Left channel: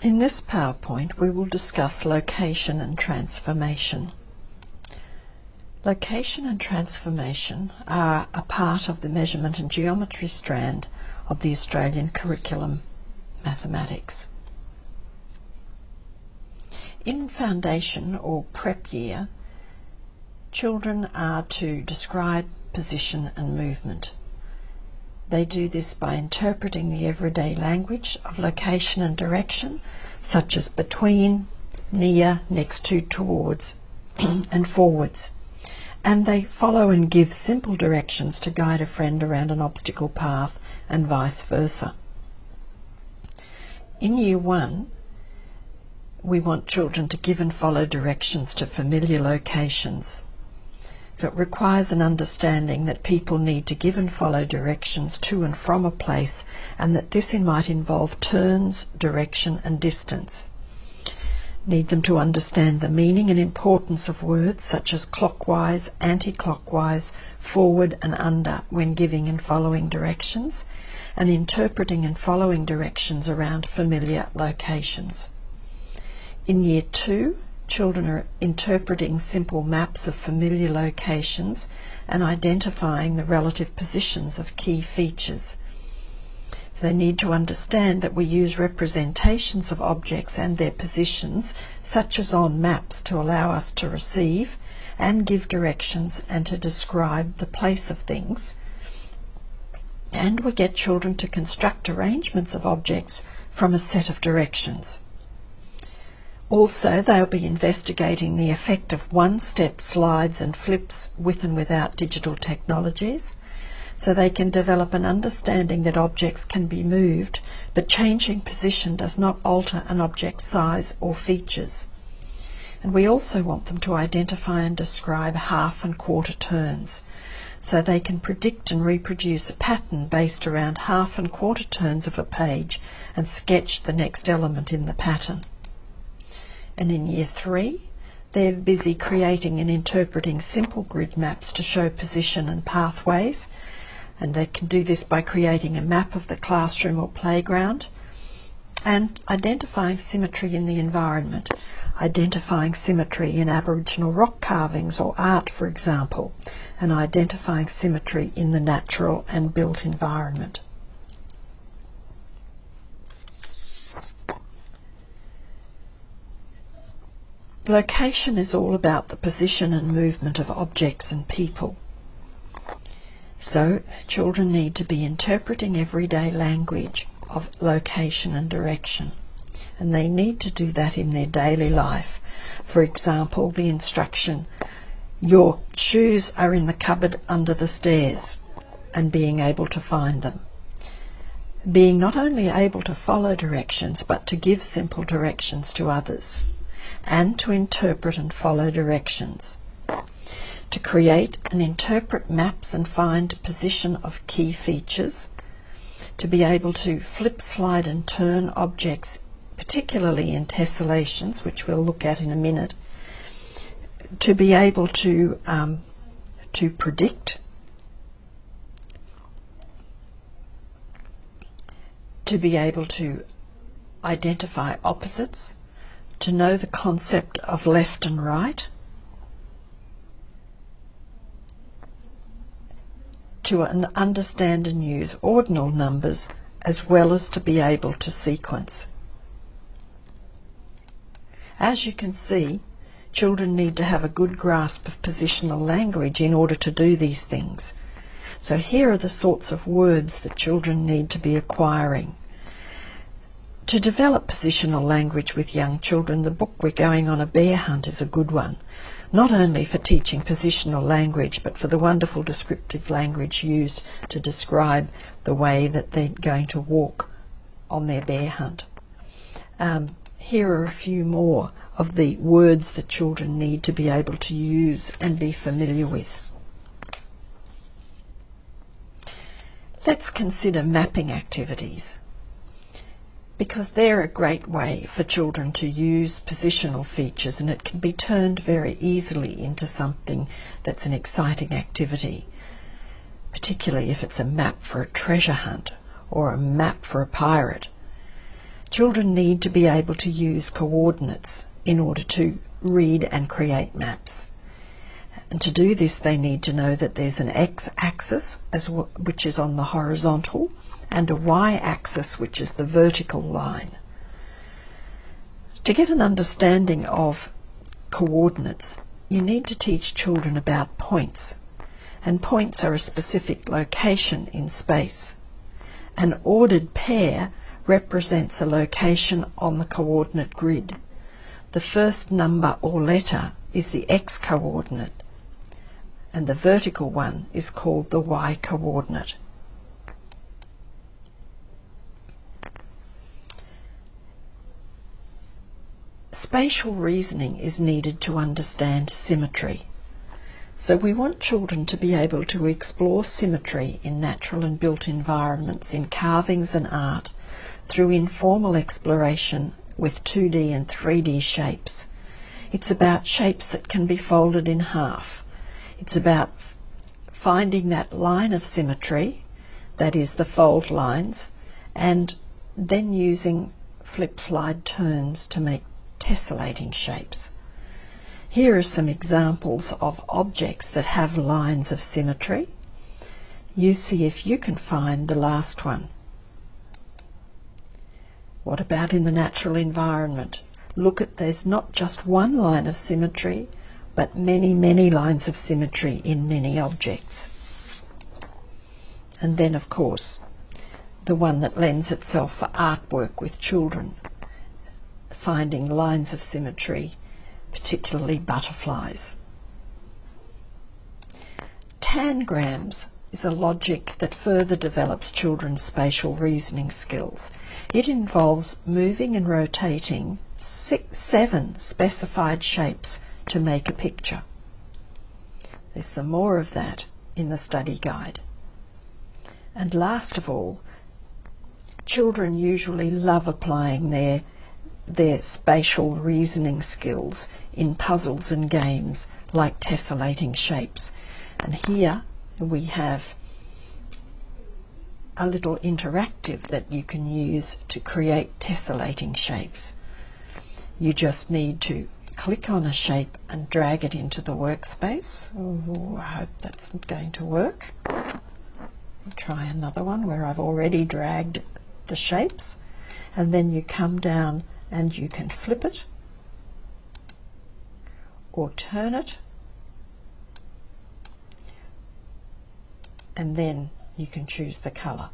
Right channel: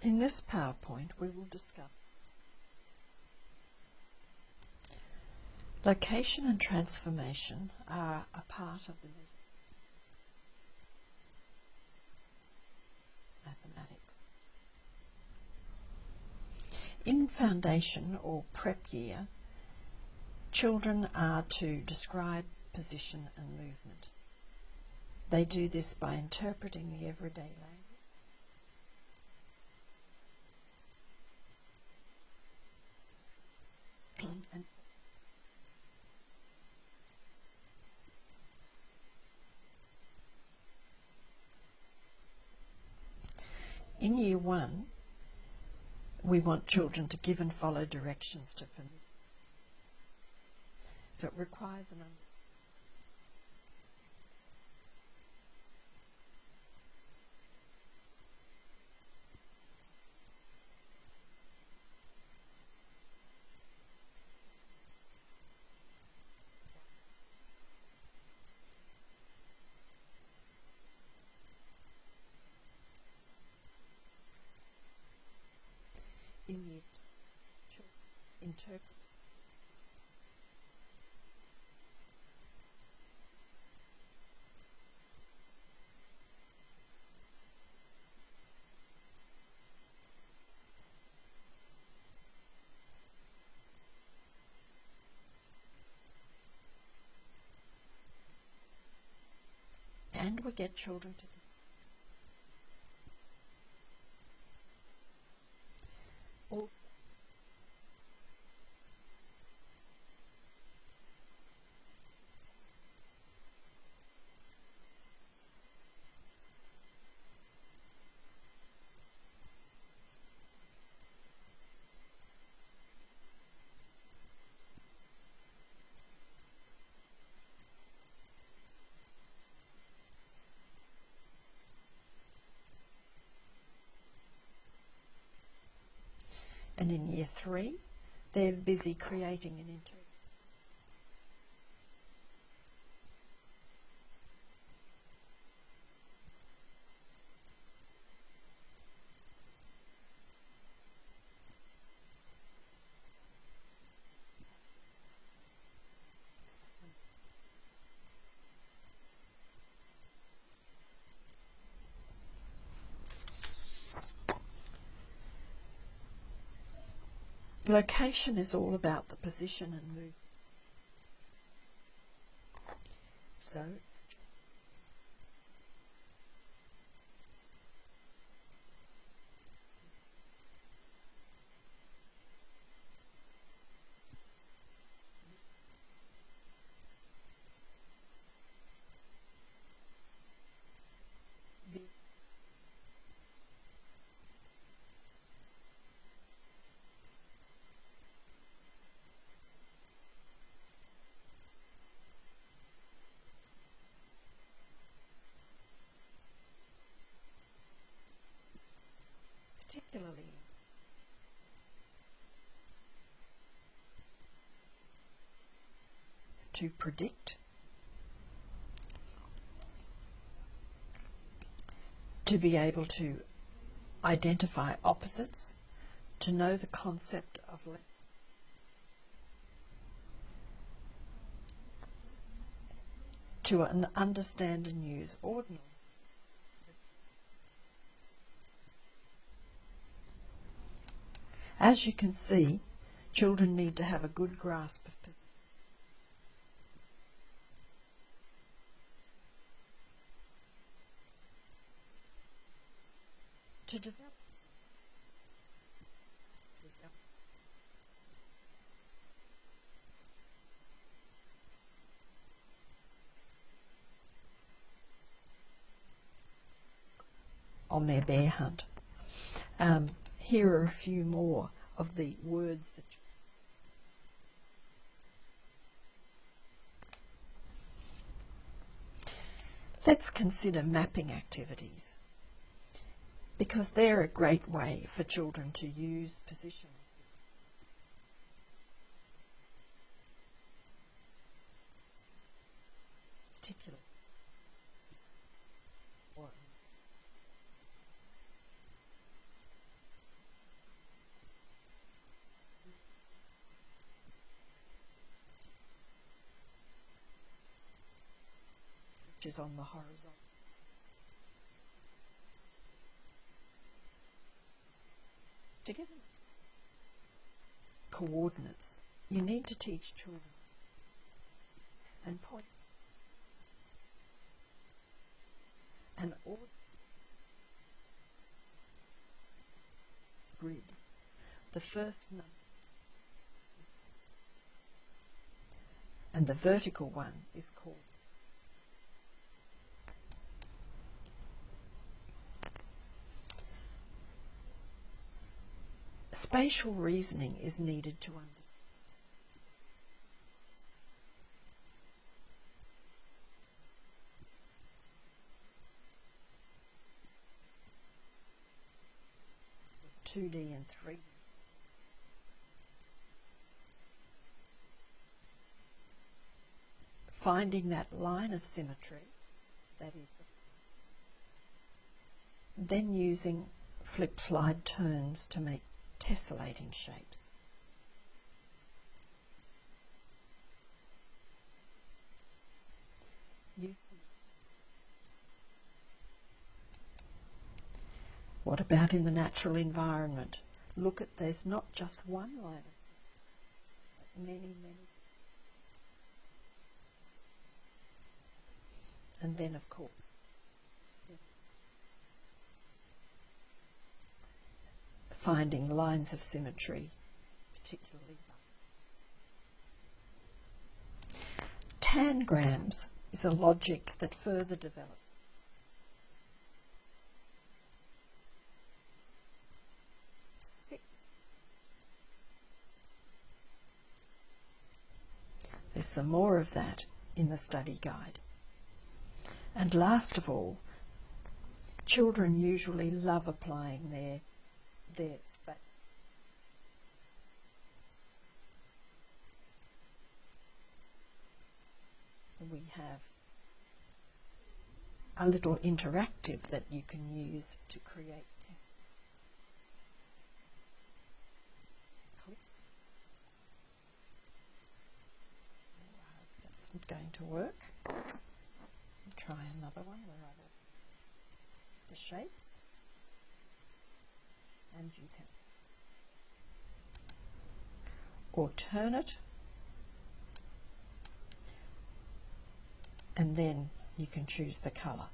In this PowerPoint we will discuss location and transformation. Location and transformation are a part of the measurement and geometry strand of the Australian curriculum mathematics. In foundation or prep year, children are to describe position and movement. They do this by interpreting the everyday language of location and direction, such as between, near, next to, towards, and forwards. And they follow and give simple directions to guide a friend around an obstacle path and vice versa. In Year 1, we want children to give and follow directions to familiar locations. So it requires an understanding that people need to give and follow directions to and from a place, and that this might involve turns, direction and distance. Need them to understand the meaning and importance of words such as clockwise, anti-clockwise, forward and under when giving and following directions, and interpreting and following directions around familiar locations. In Year 2, children are interpreting simple maps of familiar locations and identifying the relative positions of key features. They need to understand that we use representations of objects and their positions, such as on maps, to allow us to receive and give directions and to describe the place of things. And we get children to construct arrangements of objects from a set of directions. Also, they'll be investigating the effect of one-step slides and flips with and without digital technologies, so they can develop an understanding that objects can be moved, but changing position does not alter an object's size or features. And we also want them to identify and describe half and quarter turns, so they can predict and reproduce a pattern based around half and quarter turns of a page and sketch the next element in the pattern. And in Year 3, they're busy creating and interpreting simple grid maps to show position and pathways, and they can do this by creating a map of the classroom or playground and identifying symmetry in the environment, identifying symmetry in Aboriginal rock carvings or art, for example, and identifying symmetry in the natural and built environment. Location is all about the position and movement of objects and people. So, children need to be interpreting everyday language of location and direction, and they need to do that in their daily life. For example, the instruction, "Your shoes are in the cupboard under the stairs," and being able to find them. Being not only able to follow directions, but to give simple directions to others, and to interpret and follow directions. To create and interpret maps and find position of key features, to be able to flip, slide and turn objects, particularly in tessellations, which we'll look at in a minute, to be able to predict, to be able to identify opposites, to know the concept of left and right, to understand and use ordinal numbers, as well as to be able to sequence. As you can see, children need to have a good grasp of positional language in order to do these things. So here are the sorts of words that children need to be acquiring. To develop positional language with young children, the book We're Going on a Bear Hunt is a good one, not only for teaching positional language, but for the wonderful descriptive language used to describe the way that they're going to walk on their bear hunt. Here are a few more of the words that children need to be able to use and be familiar with. Let's consider mapping activities, because they're a great way for children to use positional features, and it can be turned very easily into something that's an exciting activity, particularly if it's a map for a treasure hunt or a map for a pirate. Children need to be able to use coordinates in order to read and create maps. And to do this, they need to know that there's an x-axis, which is on the horizontal, and a y-axis, which is the vertical line. To get an understanding of coordinates, you need to teach children about points. And points are a specific location in space. An ordered pair represents a location on the coordinate grid. The first number or letter is the x-coordinate, and the vertical one is called the y-coordinate. Spatial reasoning is needed to understand symmetry. So we want children to be able to explore symmetry in natural and built environments, in carvings and art, through informal exploration with 2D and 3D shapes. It's about shapes that can be folded in half. It's about finding that line of symmetry, that is the fold lines, and then using flip-slide turns to make tesselating shapes. Here are some examples of objects that have lines of symmetry. You see if you can find the last one. What about in the natural environment? Look at, there's not just one line of symmetry, but many, many lines of symmetry in many objects. And then, of course, the one that lends itself for artwork with children, finding lines of symmetry, particularly butterflies. Tangrams is a logic that further develops children's spatial reasoning skills. It involves moving and rotating 7 specified shapes to make a picture. There's some more of that in the study guide. And last of all, children usually love applying their spatial reasoning skills in puzzles and games like tesselating shapes. And here we have a little interactive that you can use to create tesselating shapes. You just need to click on a shape and drag it into the workspace. Oh, I hope that's not going to work. I'll try another one where I've already dragged the shapes, and then you come down and you can flip it or turn it, and then you can choose the colour.